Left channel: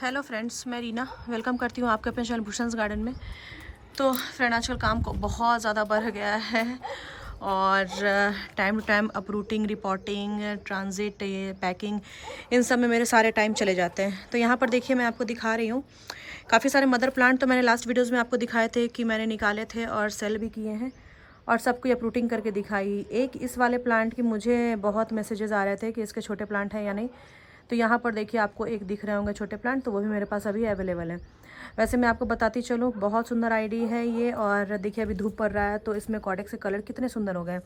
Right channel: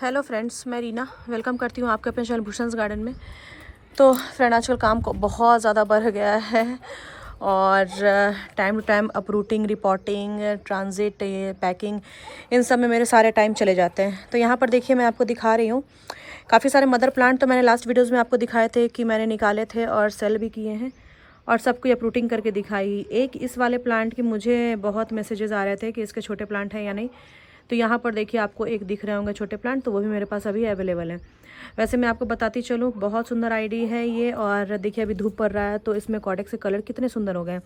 Hello friends, मैं Reena welcome करती हूँ आपके अपने चैनल भूषण्स गार्डन में। तो फ्रेंड, आजकल काम को बहुत ज़्यादा बढ़ गया है और time to time uprooting, reporting, transit, packing, इन सब में मेरे सारे टाइम चले जाते हैं। तो यहाँ पर देखिए, मैं आपको दिखा रही हूँ काफ़ी सारे मदर प्लांट। तो मैंने लास्ट वीडियोज़ में आपको दिखाए थे कि मैंने निकाले थे और सेल भी किए हैं और सबको अपरूटिंग करके दिखाई। एक इस वाले प्लांट की मुझे बहुत मैसेजेस आ रहे थे कि इसके छोटे प्लांट हैं या नहीं। तो यहाँ पर देखिए, आपको एक दिख रहे होंगे छोटे प्लांट, तो वो भी मेरे पास अभी अवेलेबल है। वैसे मैं आपको बताती चलूँ, बहुत सुंदर आईडी है ये। और देखिए, अभी धूप पड़ रहा है तो इसमें कॉडेक्स के कलर कितने सुंदर हो गए।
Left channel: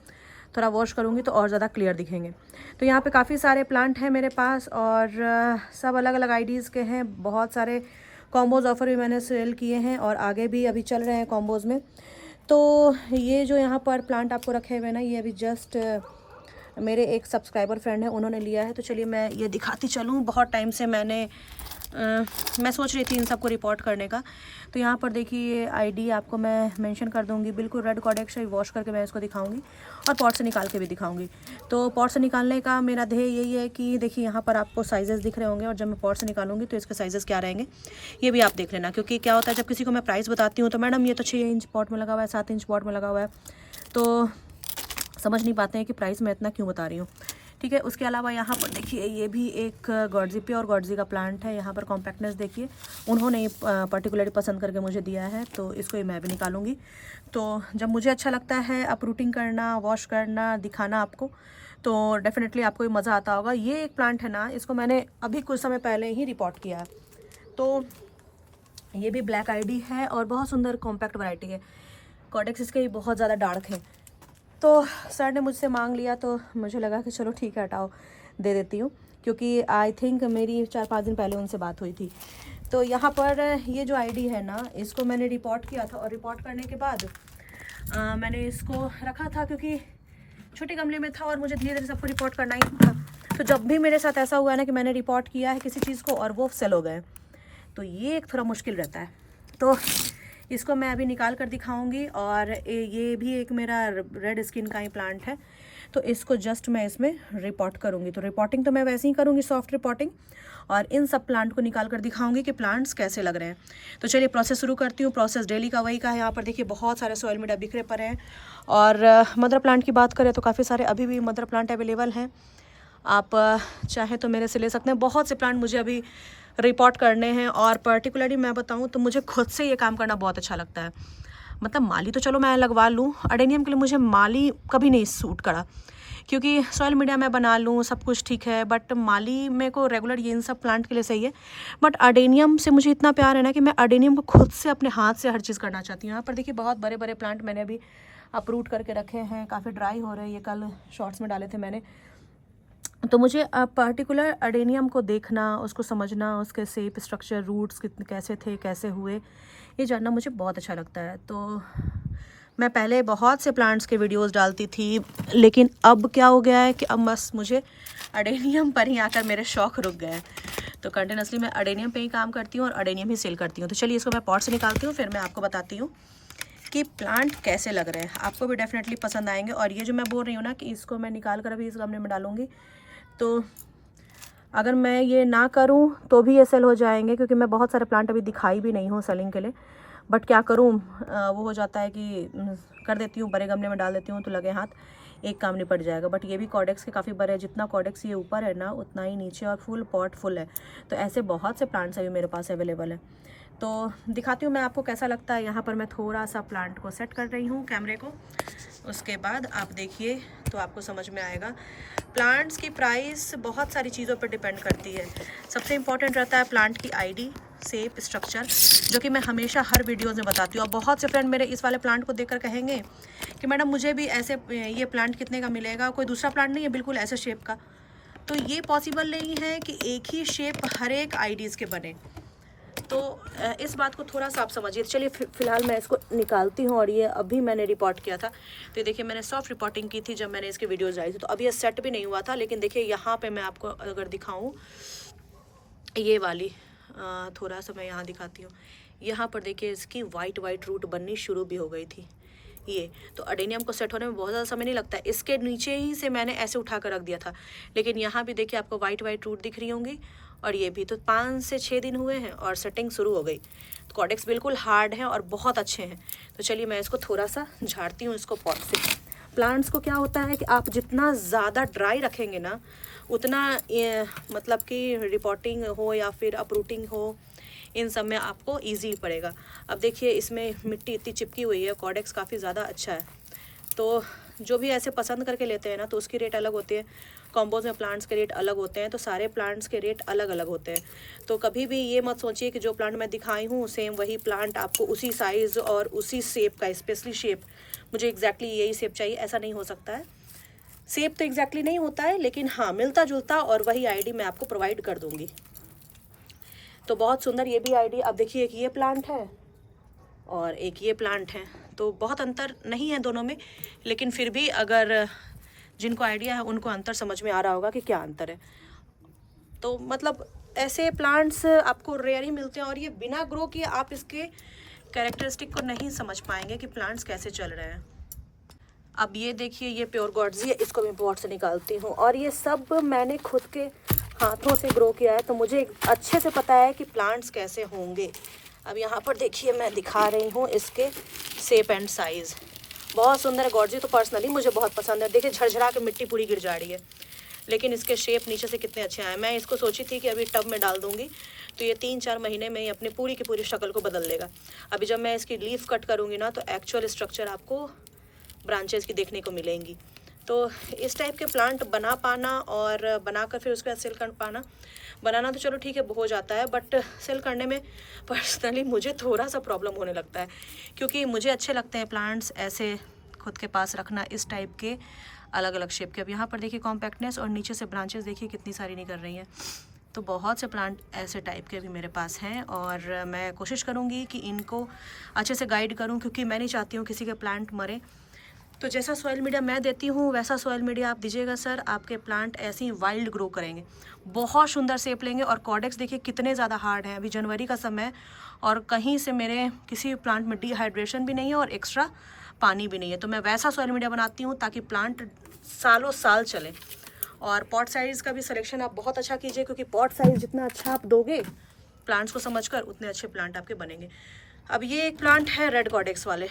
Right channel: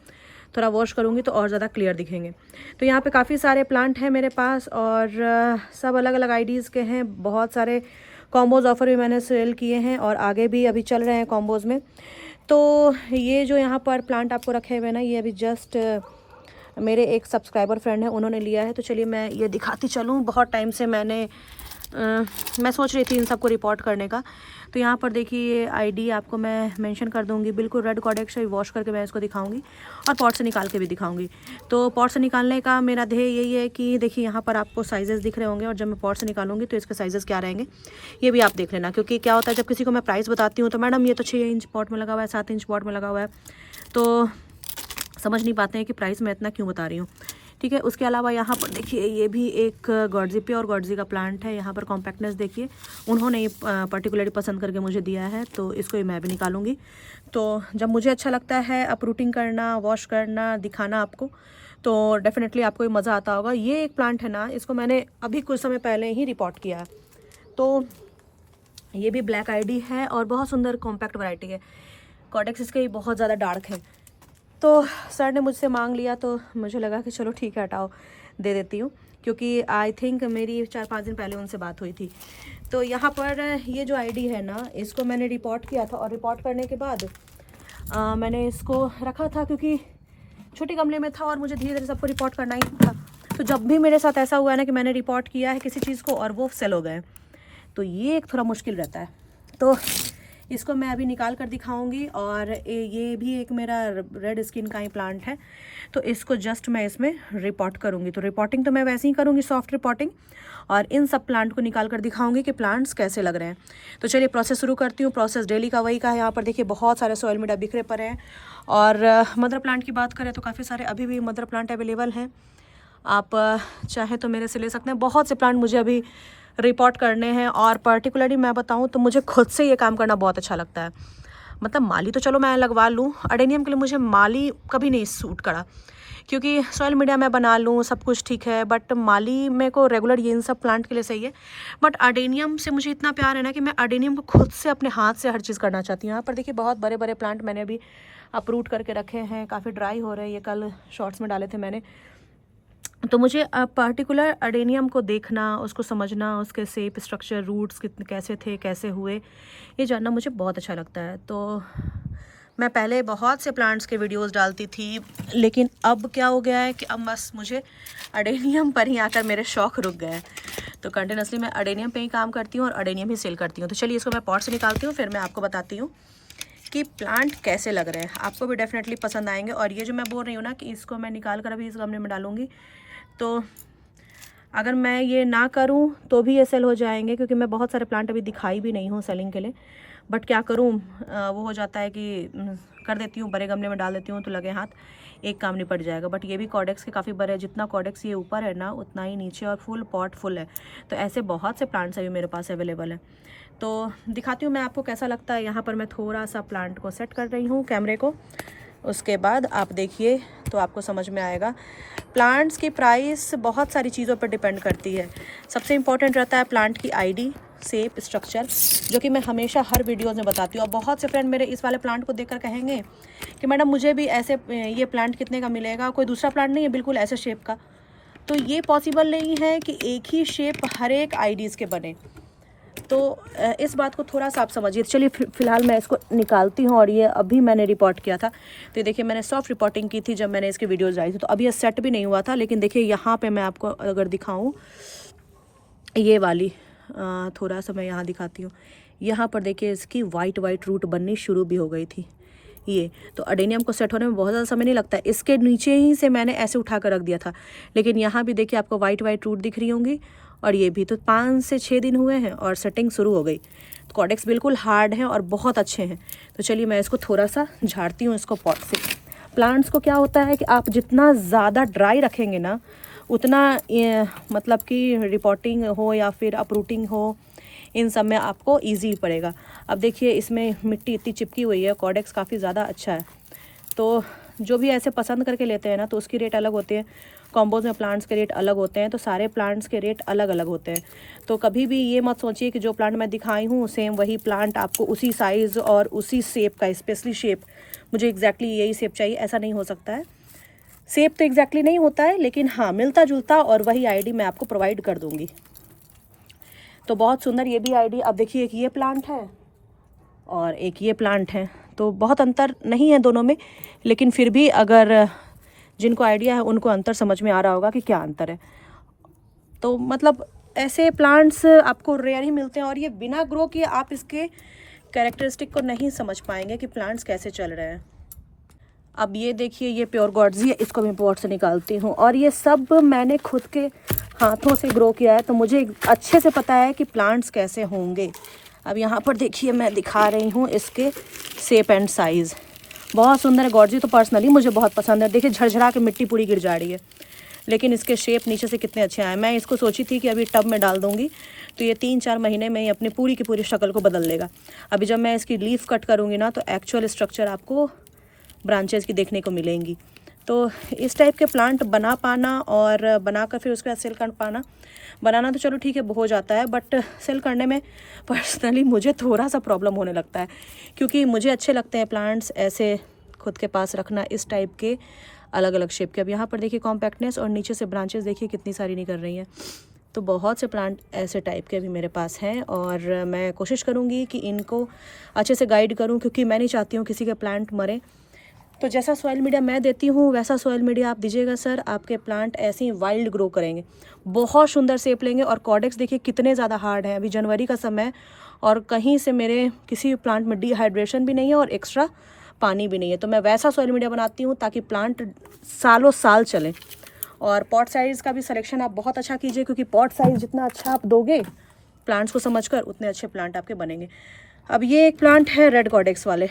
थोड़ा वॉश करूँगी तो और ज़्यादा क्लियर दिखेंगे। तो यहाँ पे काफ़ी सारे प्लांट हैं मेरे पास और सब अलग अलग आईडीज़ के हैं। बहुत सारे कॉम्बोज ऑफर भी मैंने सेल किए हैं और आगे भी अभी चल रहे हैं कॉम्बोज़ में। तो ये जो यहाँ पर प्लांट आपको रखे हुए हैं ना, ये अभी जस्ट मेरे एक सब्सक्राइबर फ्रेंड है, उन्होंने लिया है। तो चलिए मैं ये दिखाती चलूँ। बहुत टाइम से मैं सोच रही थी इन सबको रिपोर्ट करने का। तो यहाँ पर देखिए, ये आईडी आपको मैं मेंशन कर दूँगी। बिल्कुल रेड कॉडेक्स है, वॉश करके मैं इसको दिखाऊंगी और पॉट से निकाल के भी दिखाऊंगी। तो पॉट से निकालने का मेरा ध्येय यही है कि देखिए, यहाँ पर आपको साइजेस दिख रहे होंगे और जब मैं पॉट से निकालूंगी तो इसके साइजेस क्या रहेंगे ये भी आप देख लेना। क्योंकि क्या होता है, जब किसी को मैं प्राइस बताती हूँ तो मैडम ये तो 6 इंच पॉट में लगा हुआ है, 7 इंच पॉट में लगा हुआ है, तो समझ नहीं पाते हैं कि प्राइस मैं इतना क्यों बता रही हूँ। ठीक है। उसके अलावा यहाँ पर देखिए, ये भी एक गॉडजी, प्योर गॉडजी का प्लांट है। यहाँ पर कॉम्पैक्टनेस देखिए, उन्होंने पर्टिकुलरली पसंद करके मुझे दिया है, तो इसको मैं भी निकालूंगी। तो जब मुझे अच्छा लगता है अपरूटिंग करना, वॉश करना, दिखाना आपको, तो डेफिनेटली आपको भी मज़ा आता होगा। ये एक प्लांट है ना, इसको मैंने अभी कुछ समय पहले ही रिपोर्ट किया है। तो ये भी ब्लैक आईडी है और बहुत सुंदर कॉम्पैक्ट वैरायटी है। कॉडेक्स इसके बहुत ज़्यादा डार्क है। तो सर ने मुझसे मांग लिया तो मुझे लगा कि चलो ठीक है, हटाओ, दे देती हूँ। क्योंकि आई थिंक मेरी 4-5 दिन पहले उनसे बात हुई थी। तो यहाँ पर ये जो आईडी है ना, इसको मैंने रिपोर्ट किया था और रिपोर्ट करने के बाद मैंने इसको रखा था क्योंकि छोटे गमले में था और मुझे धीरे धीरे सबको रिपोर्ट करना ही था। तो जब भी मेरे साथ ऐसा हुआ है ना कि मैंने रिपोर्ट किया है किसी चीज़ को और वो सेल हो गए, तो ये एक थोड़ा मुश्किल रहता है। तो इसको मैं अभी निकाल कर दिखाऊंगी। और ये भी एक मेरा रेड स्किन का ही प्लांट है, तो इसको जस्ट मैं इसमें रिपोर्ट करूंगी। तो रिपोर्टिंग तो मैं वैसे ही करूंगी, सॉफ्ट रिपोर्टिंग, और इन सब प्लांट को निकाल कर दिखाऊंगी कि प्लांट्स कैसे लग रहे हैं। तो चलिए प्रोसेस शुरू करती हूँ। प्रोसेस डेली का वही का है। यहाँ पर देखिए, बहुत सारे सॉइल मीडिया बिखरे पड़े हैं। और मदर प्लांट की बात करें तो काफ़ी सारे अभी भी मदर प्लांट अवेलेबल हैं। आप चाहे तो मेरे से ले सकते हैं। बहुत से प्लांट मुझे अभी रिपोर्ट करने हैं और पर्टिकुलरली मैं बताऊं तो मुझे खुद से ये काम करना बहुत अच्छा लगता है। मतलब माली तो चलो मैं लगवा लूँ, अडेनियम के लिए मुझे माली कभी नहीं सूट करा। क्योंकि सॉइल मीडिया मैं बना लूँ, सब कुछ ठीक है, बट माली मेरे को रेगुलर ये इन सब प्लांट के लिए सही है। बट अडेनियम से मुझे इतना प्यार है ना कि मैं अडेनियम को खुद से अपने हाथ से हर चीज़ करना चाहती हूँ। यहाँ पर देखिए, बहुत बड़े बड़े प्लांट मैंने अभी अपरूट करके रखे हैं। काफ़ी ड्राई हो रहे हैं, ये कल शॉर्ट्स में डाले थे मैंने। तो मुझे पर्टिकुलर अडेनियम को देखना, उसको समझना, उसके शेप, स्ट्रक्चर, रूट्स कितने कैसे थे, कैसे हुए, ये जानना मुझे बहुत अच्छा लगता है। तो मैं पहले बहुत से प्लांट्स के वीडियोस डालती थी, लेकिन अब क्या हो गया है कि अब बस मुझे अडेनियम पर ही आकर मेरे शौक़ रुक गए हैं। तो कंटिन्यूसली मैं अडेनियम पे ही काम करती हूँ और अडेनियम ही सेल करती हूँ। तो चलिए, इसको मैं पॉट से निकालती हूँ, फिर मैं आपको बताती हूँ कि प्लांट कैसे लग रहे हैं। आपको भी डेफिनेटली पसंद आएंगे। और ये जो मैं बोल रही हूँ ना कि इसको मैं निकाल कर अभी इस गमले में डालूंगी, तो अगर मैं ये ना करूं तो भी ये सेल हो जाएंगे। क्योंकि मैं बहुत सारे प्लांट अभी दिखाई भी नहीं हूँ सेलिंग के लिए, बट क्या करूं, वो हो जाता है कि कर देती हूँ, बड़े गमले में डाल देती हूँ तो लगे हाथ एक काम निपट जाएगा। बट ये भी कॉडेक्स के काफ़ी बड़े हैं। जितना कॉडेक्स ये ऊपर है ना, उतना ही नीचे और फुल पॉट फुल है। तो ऐसे बहुत से प्लांट्स अभी मेरे पास अवेलेबल है। तो दिखाती हूँ मैं आपको कैसा लगता है। यहाँ पर मैं थोड़ा सा प्लांट को सेट कर रही हूँ, कैमरे को। उसके बाद आप देखिए तो आपको समझ में आएगा। प्लांट्स की प्राइस बहुत सारी चीज़ों पर डिपेंड करती है। सबसे इम्पॉर्टेंट रहता है प्लांट की आईडी, शेप, स्ट्रक्चर, जो कि मैं हमेशा हर वीडियोज़ में बताती हूँ। और बहुत से फ्रेंड मेरे इस वाले प्लांट को देखकर कहेंगे कि मैडम मुझे भी ऐसे ये प्लांट कितने का मिलेगा, कोई दूसरा प्लांट नहीं है बिल्कुल ऐसे शेप का। तो ये पॉसिबल नहीं है कि एक ही शेप हर एक आईडीज़ के बने। तो इस बात को थोड़ा सा आप समझिए। चलिए फिलहाल मैं इसको निकालती हूँ। और ये अभी मैंने रिपोर्ट किया था, तो देखिए मैंने सॉफ्ट रिपोर्टिंग की थी जब मैंने इसकी वीडियोज़ डाली थी। तो अभी ये सेट भी नहीं हुआ था, लेकिन देखिए यहाँ पे मैं आपको अगर दिखाऊँ, ये वाली थोड़ा सा मैं यहाँ दिखाती हूँ। यहाँ पर देखिए, इसकी वाइट रूट बननी शुरू भी हो गई थी। ये तो अडेनियम को सेट होने में बहुत ज़्यादा समय नहीं लगता है। इसके नीचे ही से मैंने ऐसे उठा कर रख दिया था, लेकिन यहाँ भी देखिए आपको वाइट रूट दिख रही होंगी और ये भी। तो 5 से 6 दिन हुए हैं और सेटिंग शुरू हो गई। तो कॉर्डेक्स बिल्कुल हार्ड है और बहुत अच्छे हैं। तो चलिए मैं इसको थोड़ा सा झाड़ती हूँ इसको पॉट से। प्लांट्स को क्या होता है कि आप जितना ज़्यादा ड्राई रखेंगे ना, उतना मतलब कि रिपोर्टिंग हो या फिर अपरूटिंग हो, इन सब में आपको ईजी पड़ेगा। अब देखिए इसमें मिट्टी इतनी चिपकी हुई है, कॉर्डेक्स काफ़ी ज़्यादा अच्छा है। तो जो भी ऐसे पसंद करके लेते हैं ना, तो उसकी रेट अलग होती है। कॉम्बोज में प्लांट्स के रेट अलग होते हैं, तो सारे प्लांट्स के रेट अलग अलग होते हैं। तो कभी भी ये मत सोचिए कि जो प्लांट मैं दिखाई हूँ सेम वही प्लांट आपको उसी साइज़ और उसी शेप का, स्पेशली शेप मुझे एग्जैक्टली यही शेप चाहिए, ऐसा नहीं हो सकता है। शेप तो एग्जैक्टली नहीं होता है, लेकिन हाँ मिलता जुलता और वही आईडी मैं आपको प्रोवाइड कर दूँगी। तो बहुत सुंदर ये भी आईडी। अब देखिए एक ये प्लांट है और एक ये प्लांट है, तो बहुत अंतर नहीं है दोनों में, लेकिन फिर भी अगर जिनको आइडिया है उनको अंतर समझ में आ रहा होगा कि क्या अंतर है। तो मतलब ऐसे प्लांट्स आपको रेयर ही मिलते हैं और ये बिना ग्रो किए आप इसके कैरेक्टरिस्टिक को नहीं समझ पाएंगे कि प्लांट्स कैसे चल रहे हैं। अब ये देखिए ये प्योर गॉड्स है, इसको मैं पॉट से निकालती हूँ और ये सब मैंने खुद के हाथों से ग्रो किया है, तो मुझे अच्छे से पता है कि प्लांट्स कैसे होंगे। अब यहाँ पर देखिए मैं दिखा रही हूँ इसके शेप एंड साइज़, बहुत सुंदर है। गॉड्जी तो पर्सनली मुझे बहुत पसंद है। देखिए झरझरा के मिट्टी पूरी गिर जा रही है, लेकिन इसके शेप नीचे से कितने अच्छे आए। मैं इसको सोची थी कि अभी टब में डाल दूँगी तो ये 3-4 महीने में ही अपनी पूरी की पूरी शक्ल को बदल लेगा। अभी जब मैं इसकी लीफ कट करूँगी ना, तो एक्चुअल स्ट्रक्चर आपको ब्रांचेस की देखने को मिलेंगी। तो इस टाइप के प्लांट बना पाना और बनाकर फिर उसके बाद सेल कर पाना, बनाना तो चलो ठीक है हो जाता है, बट सेल करने में पर्सनली मुझे थोड़ा सा प्रॉब्लम होने लगता है, क्योंकि मुझे अच्छे लगते हैं प्लांट्स ऐसे खुद के पास रखना, इस टाइप के अलग अलग शेप के। अब यहाँ पर देखिए कॉम्पैक्टनेस और नीचे से ब्रांचेस देखिए कितनी सारी निकल रही हैं। तो बहुत से प्लांट ऐसे टाइप के भी मेरे पास हैं और मैं कोशिश करूँगी कि इनको अच्छे से गाइड करूँ, क्योंकि मैं नहीं चाहती हूँ किसी के प्लांट मरे। तो जैसा सॉइल मीडिया मैं देती हूँ वैसा सॉइल मीडिया आप दीजिएगा सर, आपके प्लांट ऐसे ही वाइल्ड ग्रो करेंगे, बहुत सुंदर शेप लेंगे। और कॉर्डेक्स देखिए कितने ज़्यादा हार्ड हैं, अभी जनवरी का समय और कहीं से मेरे किसी प्लांट में डिहाइड्रेशन भी नहीं है और एक्स्ट्रा पानी भी नहीं है। तो मैं वैसा सॉइल मीडिया बनाती हूँ ताकि प्लांट सालों साल चले। और पॉट साइज़ का भी सिलेक्शन आप बहुत अच्छा कीजिए, क्योंकि पॉट साइज़ जितना अच्छा आप दोगे प्लांट्स को समझकर, उतने अच्छे प्लांट आपके बनेंगे। अब ये एक प्लांट है रेड कॉर्डेक्स वाले,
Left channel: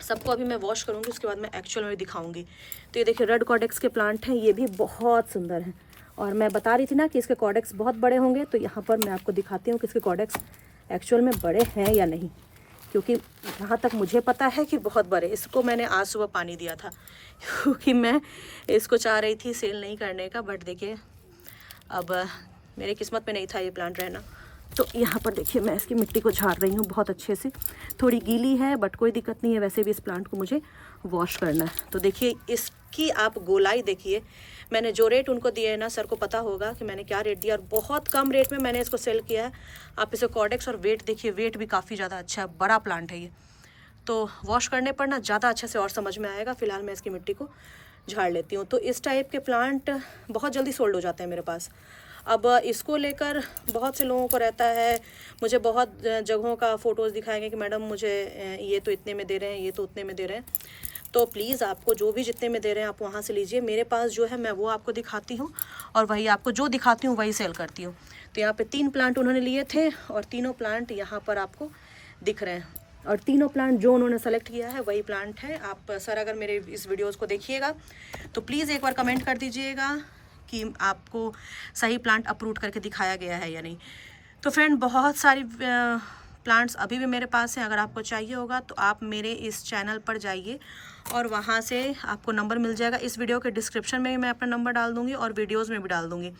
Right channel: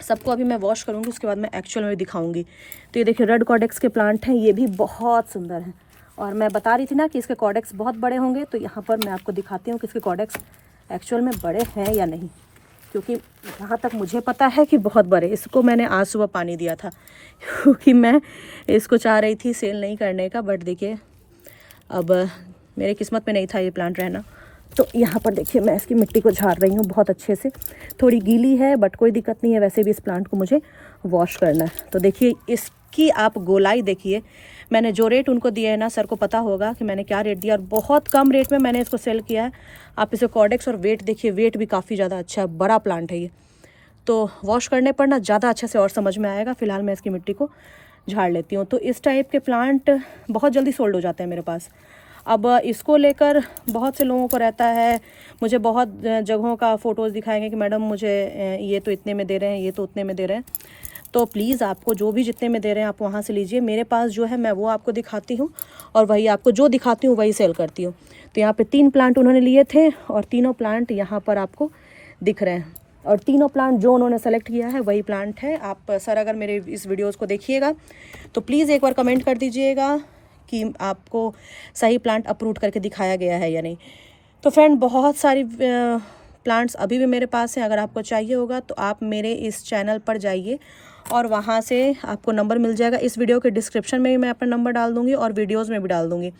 सबको अभी मैं वॉश करूँगी, उसके बाद मैं एक्चुअल में दिखाऊंगी। तो ये देखिए रेड कॉर्डेक्स के प्लांट हैं, ये भी बहुत सुंदर हैं। और मैं बता रही थी ना कि इसके कॉर्डेक्स बहुत बड़े होंगे, तो यहाँ पर मैं आपको दिखाती हूँ कि इसके कॉर्डेक्स एक्चुअल में बड़े हैं या नहीं, क्योंकि जहाँ तक मुझे पता है कि बहुत बड़े। इसको मैंने आज सुबह पानी दिया था, क्योंकि मैं इसको चाह रही थी सेल नहीं करने का, बट देखिए अब मेरी किस्मत में नहीं था ये प्लांट रहना। तो यहाँ पर देखिए मैं इसकी मिट्टी को झाड़ रही हूँ बहुत अच्छे से, थोड़ी गीली है बट कोई दिक्कत नहीं है, वैसे भी इस प्लांट को मुझे वॉश करना है। तो देखिए इसकी आप गोलाई देखिए, मैंने जो रेट उनको दिया है ना, सर को पता होगा कि मैंने क्या रेट दिया, और बहुत कम रेट में मैंने इसको सेल किया है। आप इसे कॉर्डेक्स और वेट देखिए, वेट भी काफ़ी ज़्यादा अच्छा है, बड़ा प्लांट है ये। तो वॉश करने पर ना ज़्यादा अच्छे से और समझ में आएगा। फ़िलहाल मैं इसकी मिट्टी को झाड़ लेती हूँ। तो इस टाइप के प्लांट बहुत जल्दी सोल्ड हो जाते हैं मेरे पास। अब इसको लेकर बहुत से लोगों को रहता है, मुझे बहुत जगहों का फ़ोटोज़ दिखाएंगे कि मैडम मुझे ये तो इतने में दे रहे हैं, ये तो उतने में दे रहे हैं। तो प्लीज़ आपको जो भी जितने में दे रहे हैं आप वहाँ से लीजिए। मेरे पास जो है मैं वो आपको दिखाती हूँ और वही आपको जो दिखाती हूँ वही सेल करती हूँ। तो यहाँ पे 3 प्लांट उन्होंने लिए थे और तीनों प्लांट यहाँ पर आपको दिख रहे हैं, और तीनों प्लांट जो उन्होंने सेलेक्ट किया है वही प्लांट है। आप सर अगर मेरे इस वीडियोज़ को देखिएगा तो प्लीज़ एक बार कमेंट कर दीजिएगा कि आपको सही प्लांट अप्रूव करके दिखाया गया है या नहीं। तो फ्रेंड बहुत सारी प्लांट्स अभी भी मेरे पास हैं, अगर आपको चाहिए होगा तो आप मेरे इस चैनल पर जाइए और वहाँ से आपको नंबर मिल जाएगा। इस वीडियो के डिस्क्रिप्शन में भी मैं अपना नंबर डाल दूँगी और वीडियोज़ में भी डाल दूँगी,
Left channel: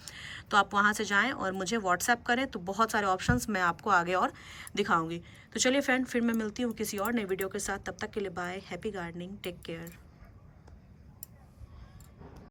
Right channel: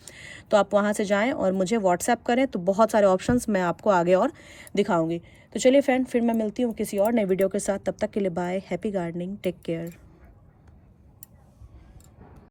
तो आप वहाँ से जाएँ और मुझे व्हाट्सएप करें, तो बहुत सारे ऑप्शंस मैं आपको आगे और दिखाऊँगी। तो चलिए फ्रेंड, फिर मैं मिलती हूँ किसी और नई वीडियो के साथ। तब तक के लिए bye, happy gardening, take care.